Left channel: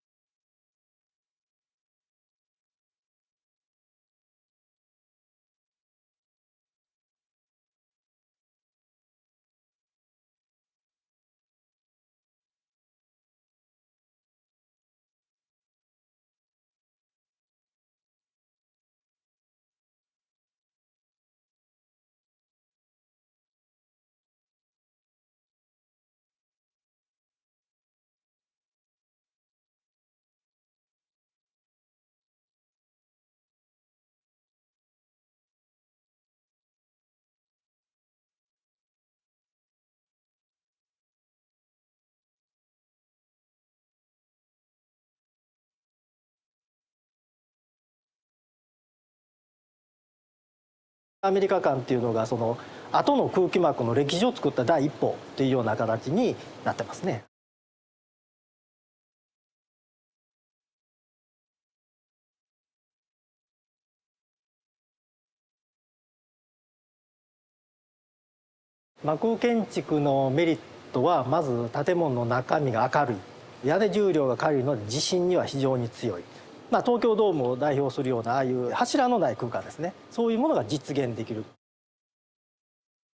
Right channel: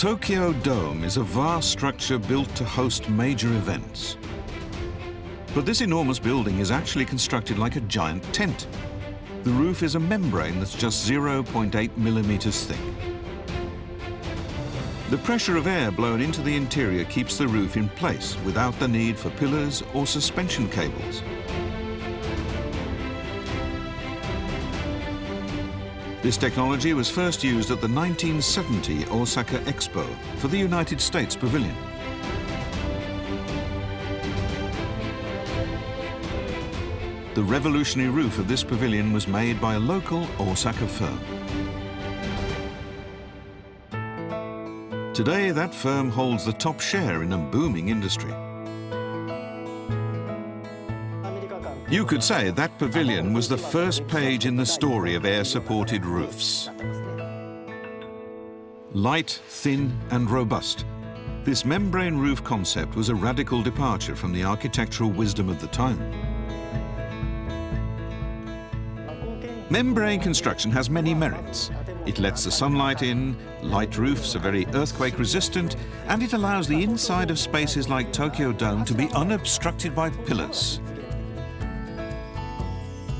Tokyo Dome is a vast structure built to host major events. But this enormous building is actually constructed like a giant tent. The roof is a membrane that's just 0.8 millimeters thick. The pressure of air blown into the interior keeps the roof in place without the need for pillars or suspension cables. This technology was first used at the 1970 Osaka Expo for the United States Pavilion. The revolutionary roof of this pavilion was made by a local Osaka firm. Today, that firm holds the top share in a booming industry. You could say that pavilion was the first page in the story of air-supported roofs. Light, thin and robust, this membrane roof concept was a radical departure from the architectural wisdom of the time. Membrane construction has many merits. It lets the sunlight in, light roofs are very earthquake resistant, and it allows the inside of spaces like Tokyo Dome to be unobstructed by pillars.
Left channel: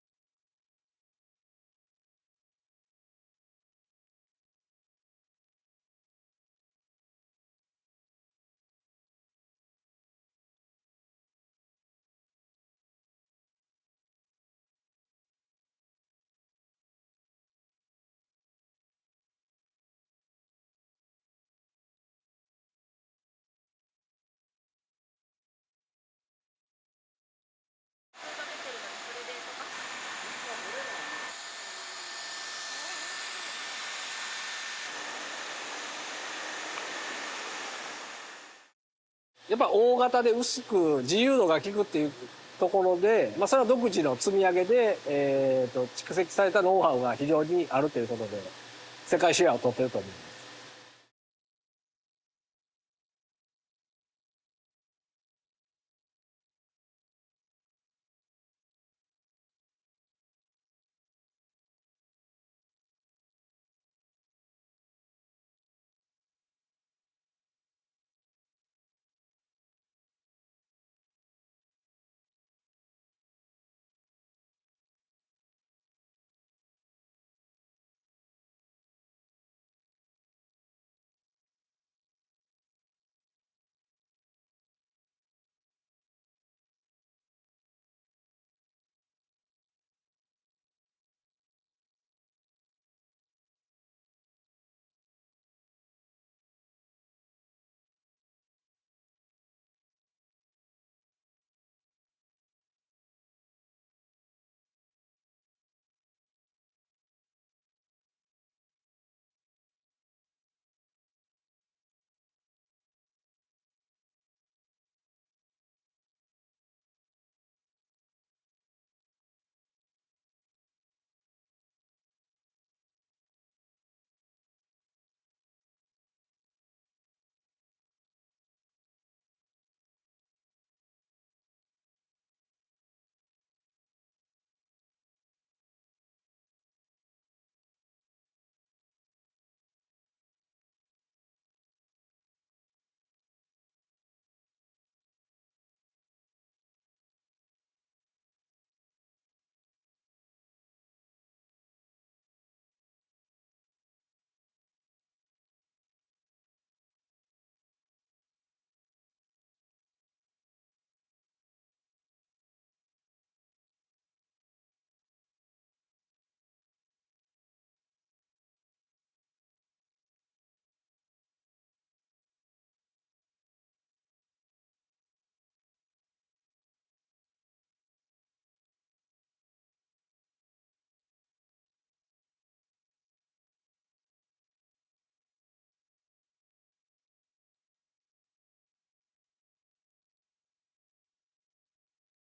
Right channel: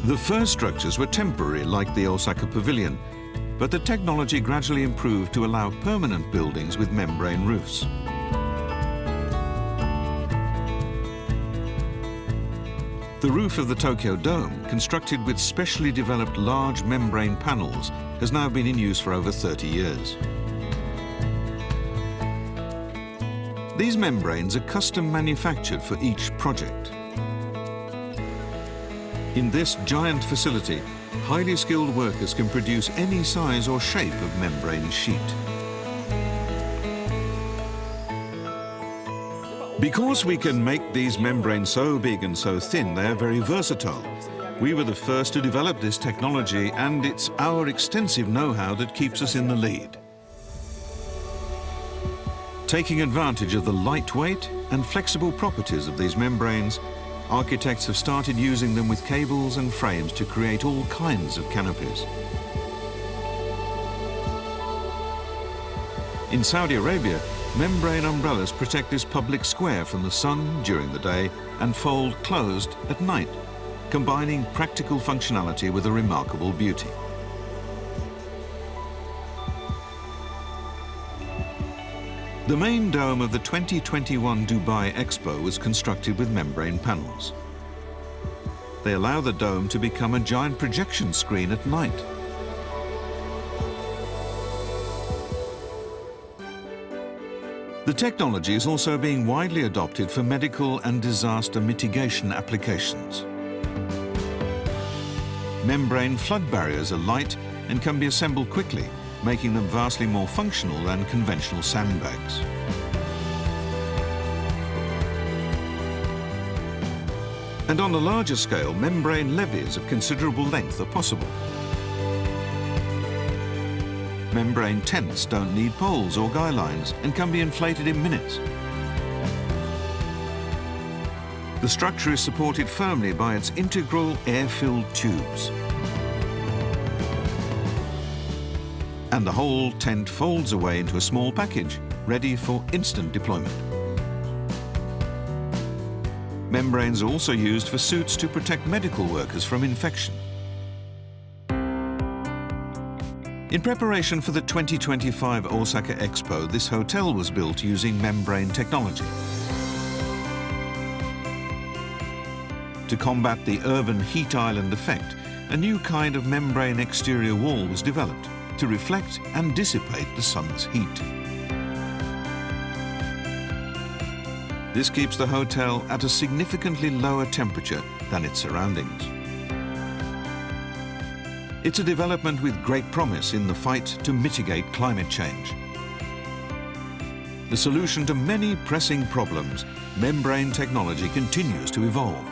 The first structures were temporary, like the Osaka Pavilion, but the technology gradually improved to allow permanent buildings with membrane roofs. The roof of the Tokyo Dome, constructed with specially developed large membrane panels, has now been in use for over 30 years. These membranes are custom manufactured for each project. In this giant facility, highly skilled workers can produce any size or shape of membrane sheet. Because we can make these membranes so big and so thin, they're very versatile. We were the first to develop this technology, and it's our extensive know-how that keeps us in the lead. Taking advantage of the lightweight and flexible properties of these membranes, architects have started using them with cables and frames to create all kinds of canopies. In Saudi Arabia, membrane umbrellas protect this public square from the sun during the day and fold closed at night, combining practical functionality with a remarkable beauty. The main dome of the 2021 Dubai Expo was constructed with membrane panels. They allow the dome to become a giant projection screen at night. The technology is also being widely adopted for medical and disaster mitigation applications. Membrane flood barriers are light and can be assembled quickly, making them vastly more functional than conventional sandbags. And on a larger scale, membrane levees of considerable length are possible. Membrane tents don't need poles or guy lines and can be inflated in minutes. The structure is supported firmly by its integral air-filled tubes. And the whole tent folds away into a small package, ready for instant deployment. Membranes are also used for suits to protect medical workers from infection. In preparation for the 2025 Osaka Expo, this hotel was built using membrane technology. To combat the urban heat island effect, a new kind of membrane exterior wall was developed to reflect and dissipate the sun's heat. This keeps the hotel at a significantly lower temperature than its surroundings. It's a development with great promise in the fight to mitigate climate change. The solution to many pressing problems, membrane technology continues to evolve.